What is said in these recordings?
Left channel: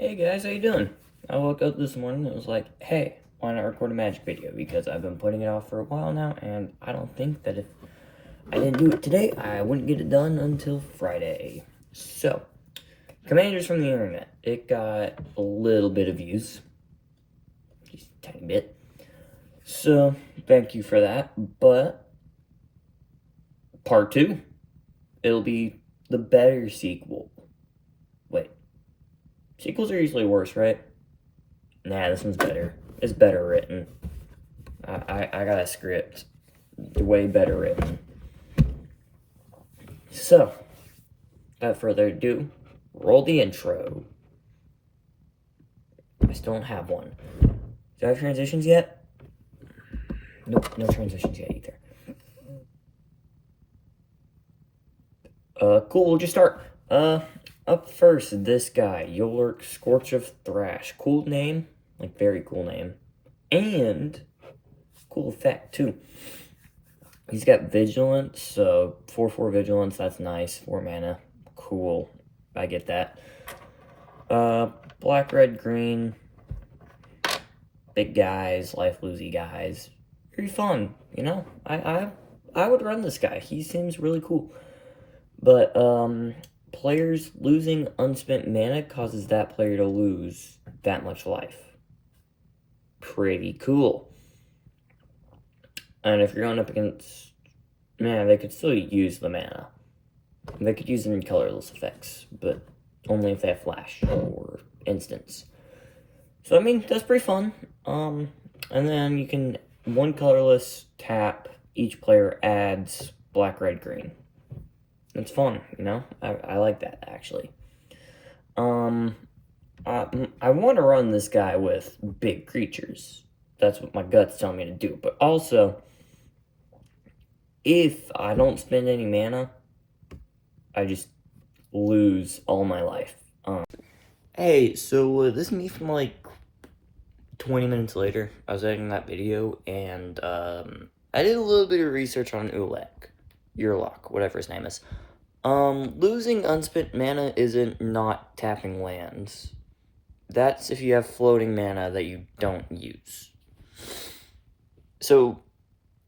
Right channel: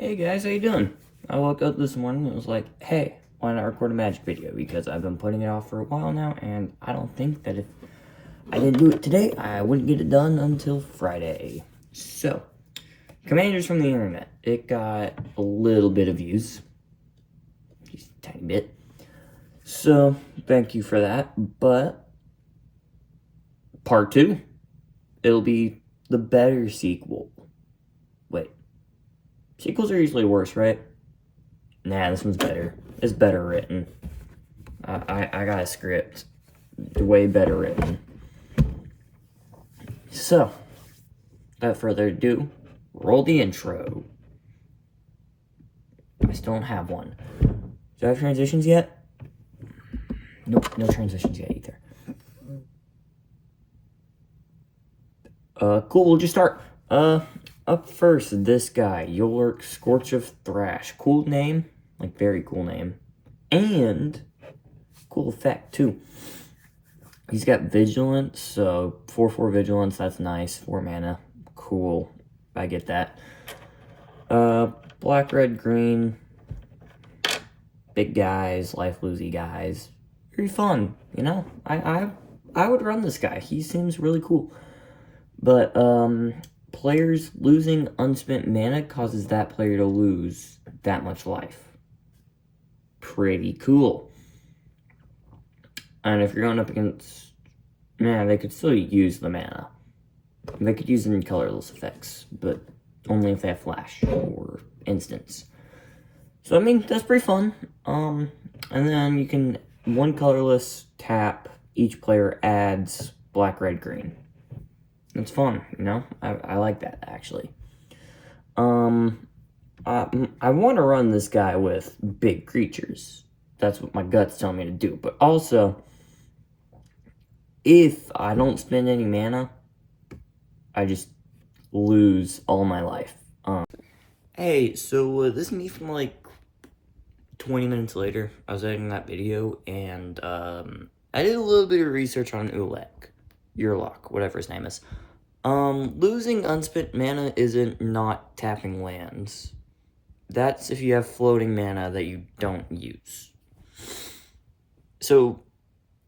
Hey guys, how you doing? I woke up this morning and was like, hey, why not record a magic video? Because I've been putting it off for a while now, and I don't think that if I didn't do it today, I wouldn't get it done until Friday. So, Commanders from the internet. It got a little bit of views. Just a tiny bit. So, thank you for that. But, part 2, it'll be the better sequel. Wait. Sequels are usually worse, right? Nah, this one's better. It's better written. I got a script. Way better written. So, without further ado, roll the intro. I still don't have one. Do I have transitions yet? Nope, no transitions yet either. Cool, we'll just start. Up first, this guy, Yolurk Scorch of Thrash. Cool name, like very cool name. And cool effect too. He's got Vigilance, so 4/4 Vigilance, that's nice. 4 mana, cool. I get that. Black, red, green. Big guys, life losey guys. Very fun, you know? I would run this guy. He seems really cool. But, players losing unspent mana causes that player to lose that much life. Pretty cool. And if you're going up against mana, they could still use the mana. They could use it in colorless effects, but only if they have flash or instants. So, I mean, that's pretty fun. And then you can, one colorless tap, each player adds black, red, green. It's fun, you know? I like that, actually. I want to run this guy with big creatures. That's what my gut's telling me to do. But also, if I don't spend any mana, I just lose all my life. Hey, so this is me from like 20 minutes later. I was editing that video, and I did a little bit of research on Urlock, whatever his name is. Losing unspent mana isn't not tapping lands. That's if you have floating mana that you don't use. So,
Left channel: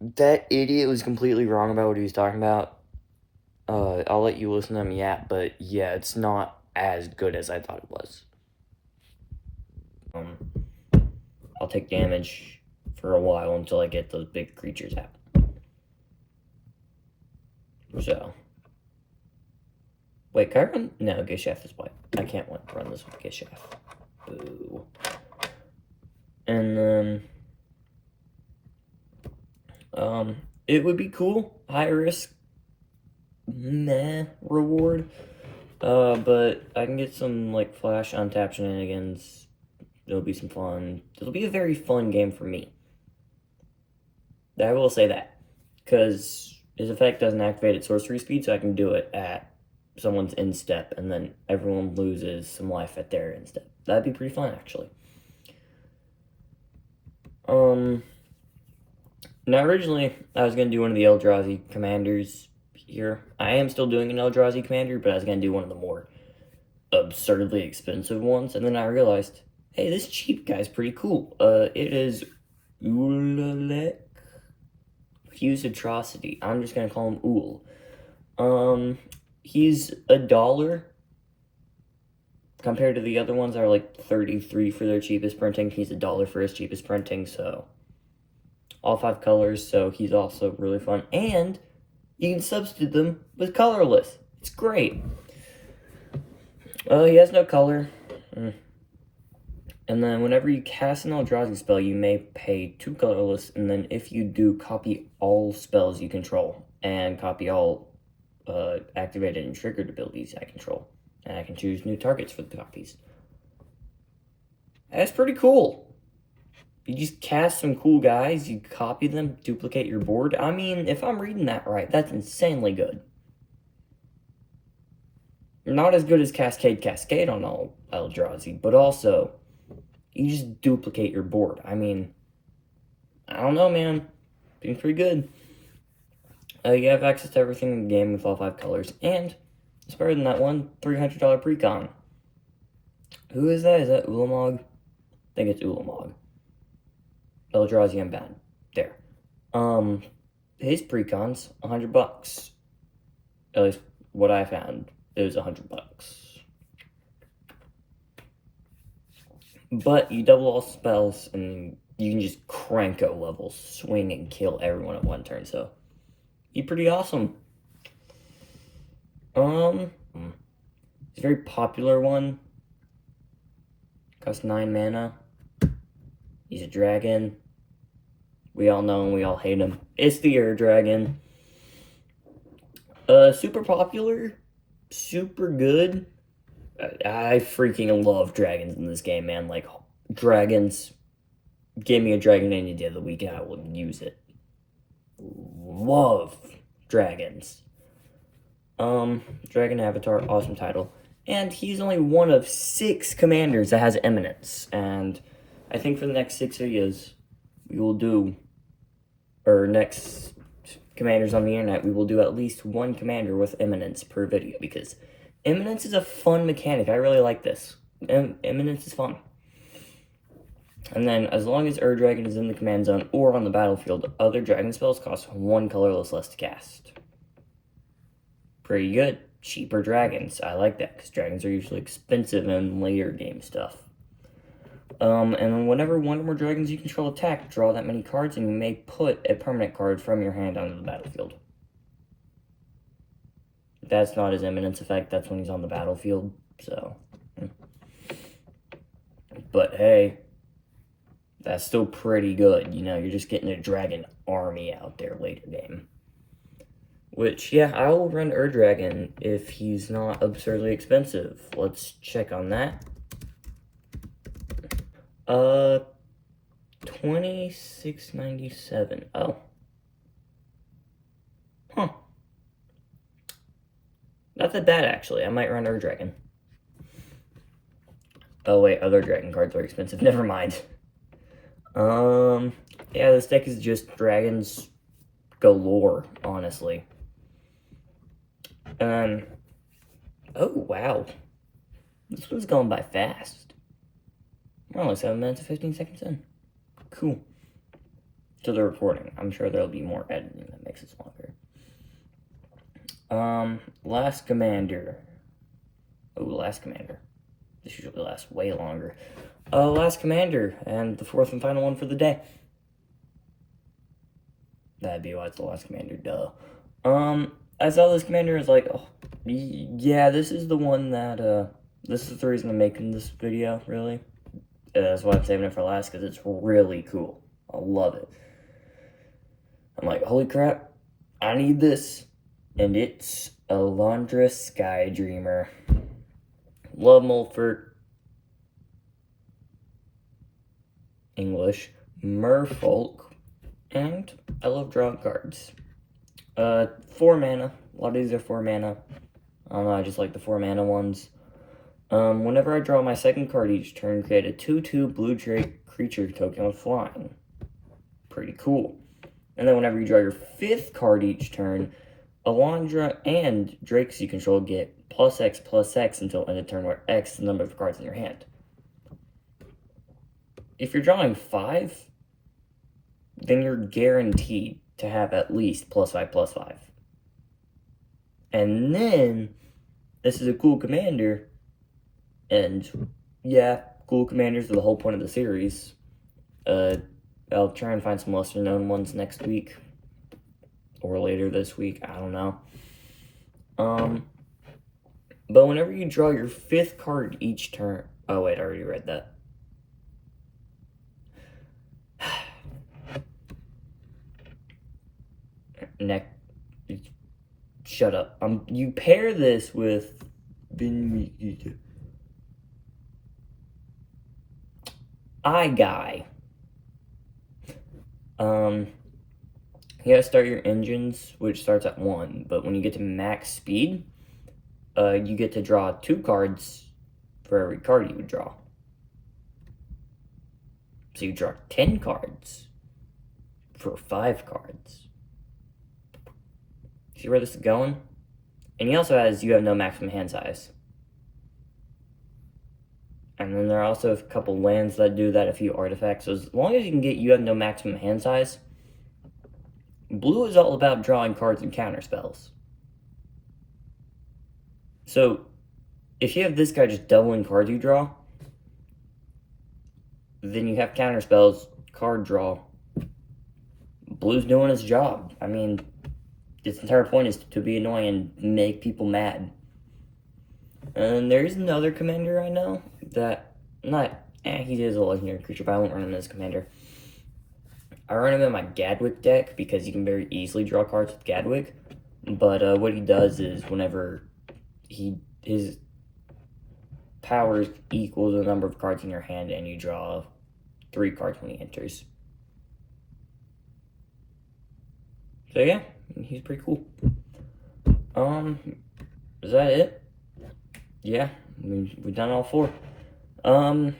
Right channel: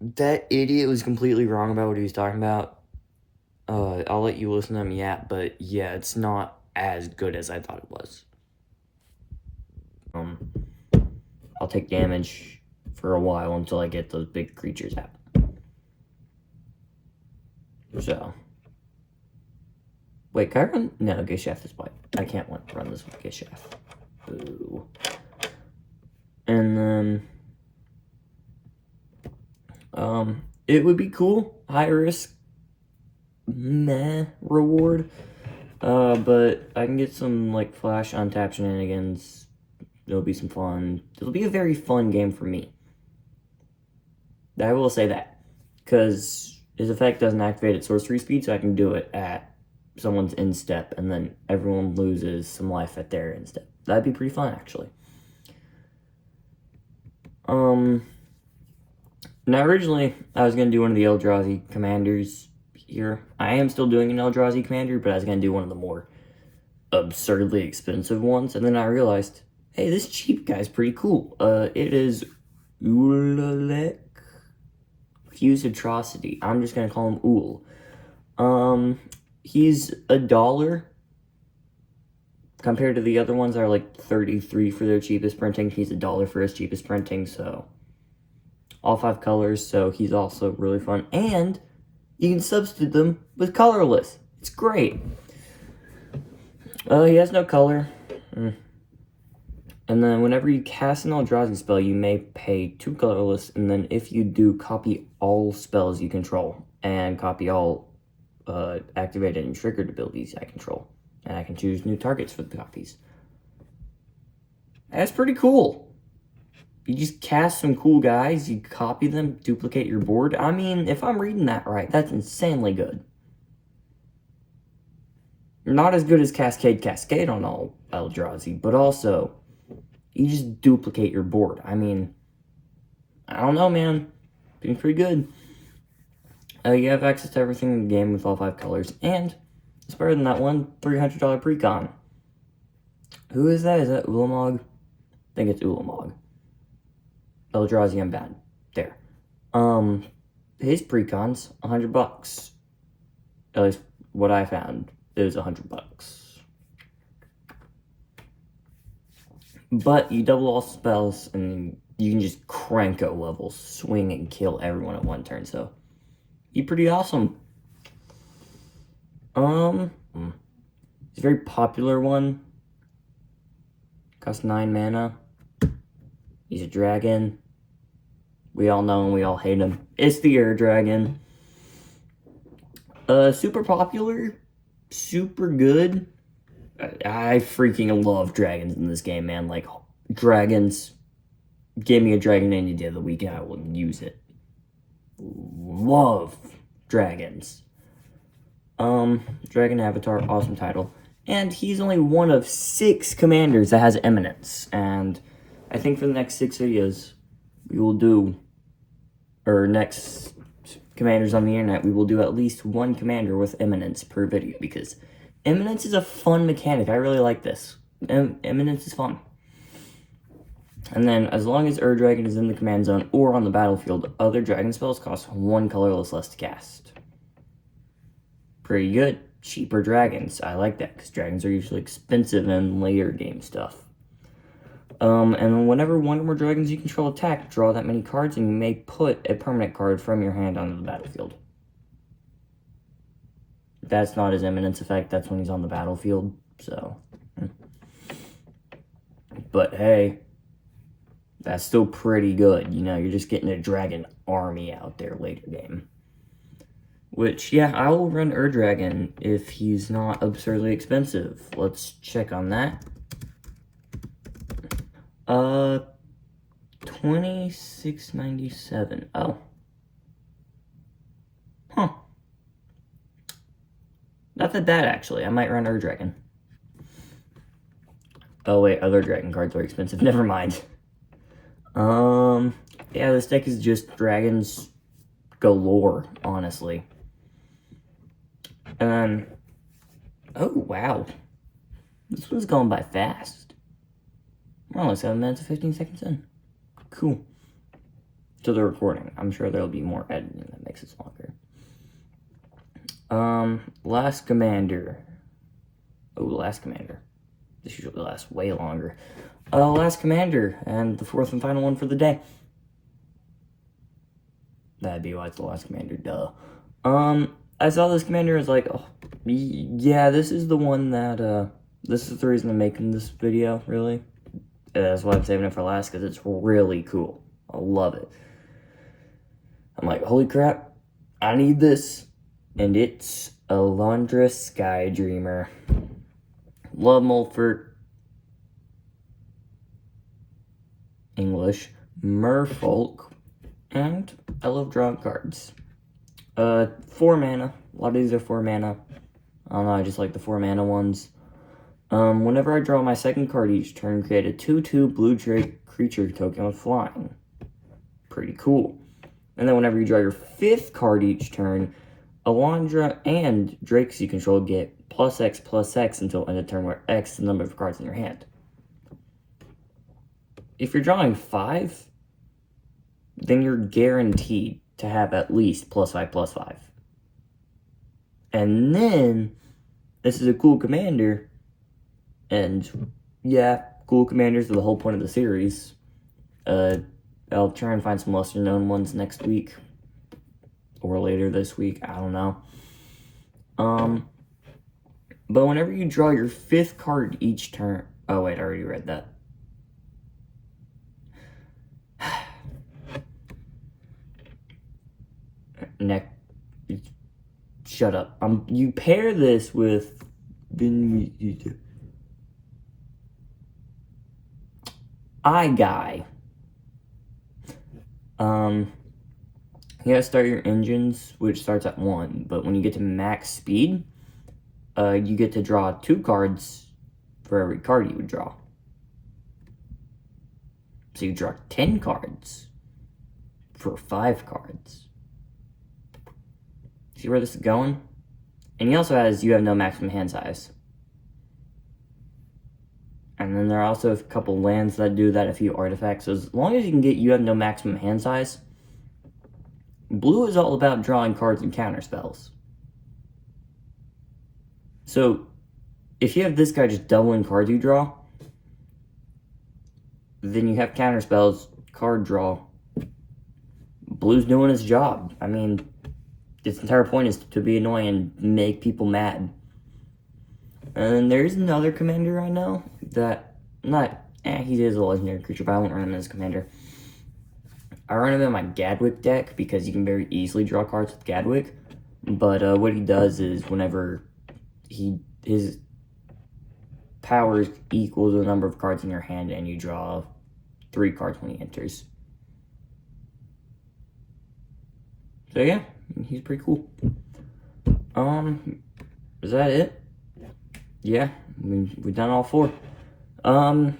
that idiot was completely wrong about what he was talking about. I'll let you listen to him yet, but yeah, it's not as good as I thought it was. I'll take damage for a while until I get those big creatures out. So. Wait, can I run? No, Gishath is white. I can't run this with Gishath. Boo. And then, it would be cool. High risk, meh reward. But I can get some, like, flash untap shenanigans. It'll be some fun. It'll be a very fun game for me. I will say that. Because his effect doesn't activate at sorcery speed, so I can do it at someone's instep, and then everyone loses some life at their instep. That'd be pretty fun, actually. Now originally, I was going to do one of the Eldrazi commanders here. I am still doing an Eldrazi commander, but I was going to do one of the more absurdly expensive ones, and then I realized, hey, this cheap guy's pretty cool. It is Ululek Fused Atrocity. I'm just going to call him Ul. He's $1 compared to the other ones that are like 33 for their cheapest printing. He's $1 for his cheapest printing, so all 5 colors, so he's also really fun. And you can substitute them with colorless. It's great. He has no color. And then whenever you cast an Eldrazi spell, you may pay 2 colorless, and then if you do, copy all spells you control, and copy all activated and triggered abilities I control. And I can choose new targets for the copies. That's pretty cool. You just cast some cool guys, you copy them, duplicate your board. I mean, if I'm reading that right, that's insanely good. Not as good as Cascade on all Eldrazi, but also, you just duplicate your board. I mean, I don't know, man. Being pretty good. You have access to everything in the game with all 5 colors, and it's better than that one $300 precon. Who is that? Is that Ulamog? I think it's Ulamog. Eldrazi Unbound. There. His precons, $100. At least what I found, it was $100. But you double all spells, and you can just cranko levels, swing and kill everyone at one turn, so be pretty awesome. It's a very popular one. Costs 9 mana. He's a dragon. We all know him, we all hate him. It's the Air Dragon. Super popular. Super good. I freaking love dragons in this game, man. Like, dragons. Give me a dragon any day of the week and I will use it. Love dragons. Dragon Avatar, awesome title. And he's only one of 6 commanders that has Eminence. And I think for the next 6 videos, we will do, or next commanders on the internet, we will do at least 1 commander with Eminence per video, because Eminence is a fun mechanic. I really like this. Eminence is fun. And then, as long as Ur Dragon is in the command zone or on the battlefield, other dragon spells cost 1 colorless less to cast. Pretty good. Cheaper dragons. I like that, because dragons are usually expensive in later game stuff. And whenever one or more dragons you control attack, draw that many cards, and you may put a permanent card from your hand onto the battlefield. That's not his Eminence effect, that's when he's on the battlefield, so. But hey, that's still pretty good, you know, you're just getting a dragon army out there later game. Which, yeah, I will run Ur Dragon if he's not absurdly expensive. Let's check on that. $26.97. Oh. Huh. Not that bad, actually. I might run Ur Dragon. Oh, wait, other dragon cards are expensive. Never mind. Yeah, this deck is just dragons galore, honestly. And then, oh, wow. This one's going by fast. We're only 7 minutes and 15 seconds in. Cool. To the recording. I'm sure there'll be more editing that makes this longer. Last Commander. Oh, Last Commander. This usually lasts way longer. Last Commander, and the 4th and final one for the day. That'd be why it's the Last Commander, duh. I saw this commander, I was like, oh, yeah, this is the one that, this is the reason I'm making this video, really. That's why I'm saving it for last, because it's really cool. I love it. I'm like, holy crap, I need this. And it's Alondra Skydreamer. Love Molfort. English. Merfolk. And I love drawing cards. 4 mana. A lot of these are 4 mana. I don't know, I just like the 4 mana ones. Whenever I draw my second card each turn, create a 2/2 blue Drake creature token with flying. Pretty cool. And then whenever you draw your 5th card each turn, Alondra and Drakes you control get +X/+X until end of turn, where X is the number of cards in your hand. If you're drawing 5, then you're guaranteed to have at least +5/+5. And then, this is a cool commander, and yeah, cool commanders are the whole point of the series. I'll try and find some lesser known ones next week, or later this week, I don't know. But whenever you draw your 5th card each turn, oh wait, I already read that. Shut up. You pair this with Guy. You gotta start your engines, which starts at 1, but when you get to max speed, you get to draw 2 cards for every card you would draw. So you draw 10 cards for 5 cards. See where this is going? And he also has, you have no maximum hand size. And fine. And there are also a couple lands that do that, a few artifacts. So as long as you have no maximum hand size, blue is all about drawing cards and counter spells. So if you have this guy just doubling cards you draw, then you have counter spells, card draw. Blue's doing his job. I mean, its entire point is to be annoying and make people mad. And there's another commander I know that, he is a legendary creature, but I won't run him as commander. I run him in my Gadwick deck because you can very easily draw cards with Gadwick. But what he does is whenever his power equals the number of cards in your hand, and you draw 3 cards when he enters. So yeah, he's pretty cool. Is that it? Yeah, we've done all 4.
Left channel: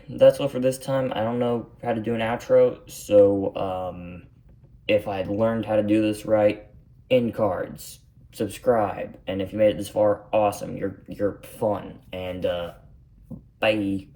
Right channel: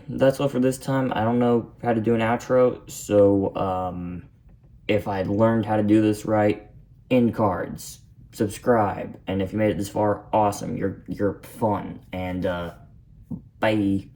That's all for this time. I don't know how to do an outro, so, if I learned how to do this right, end cards, subscribe, and if you made it this far, awesome, you're fun, and, bye.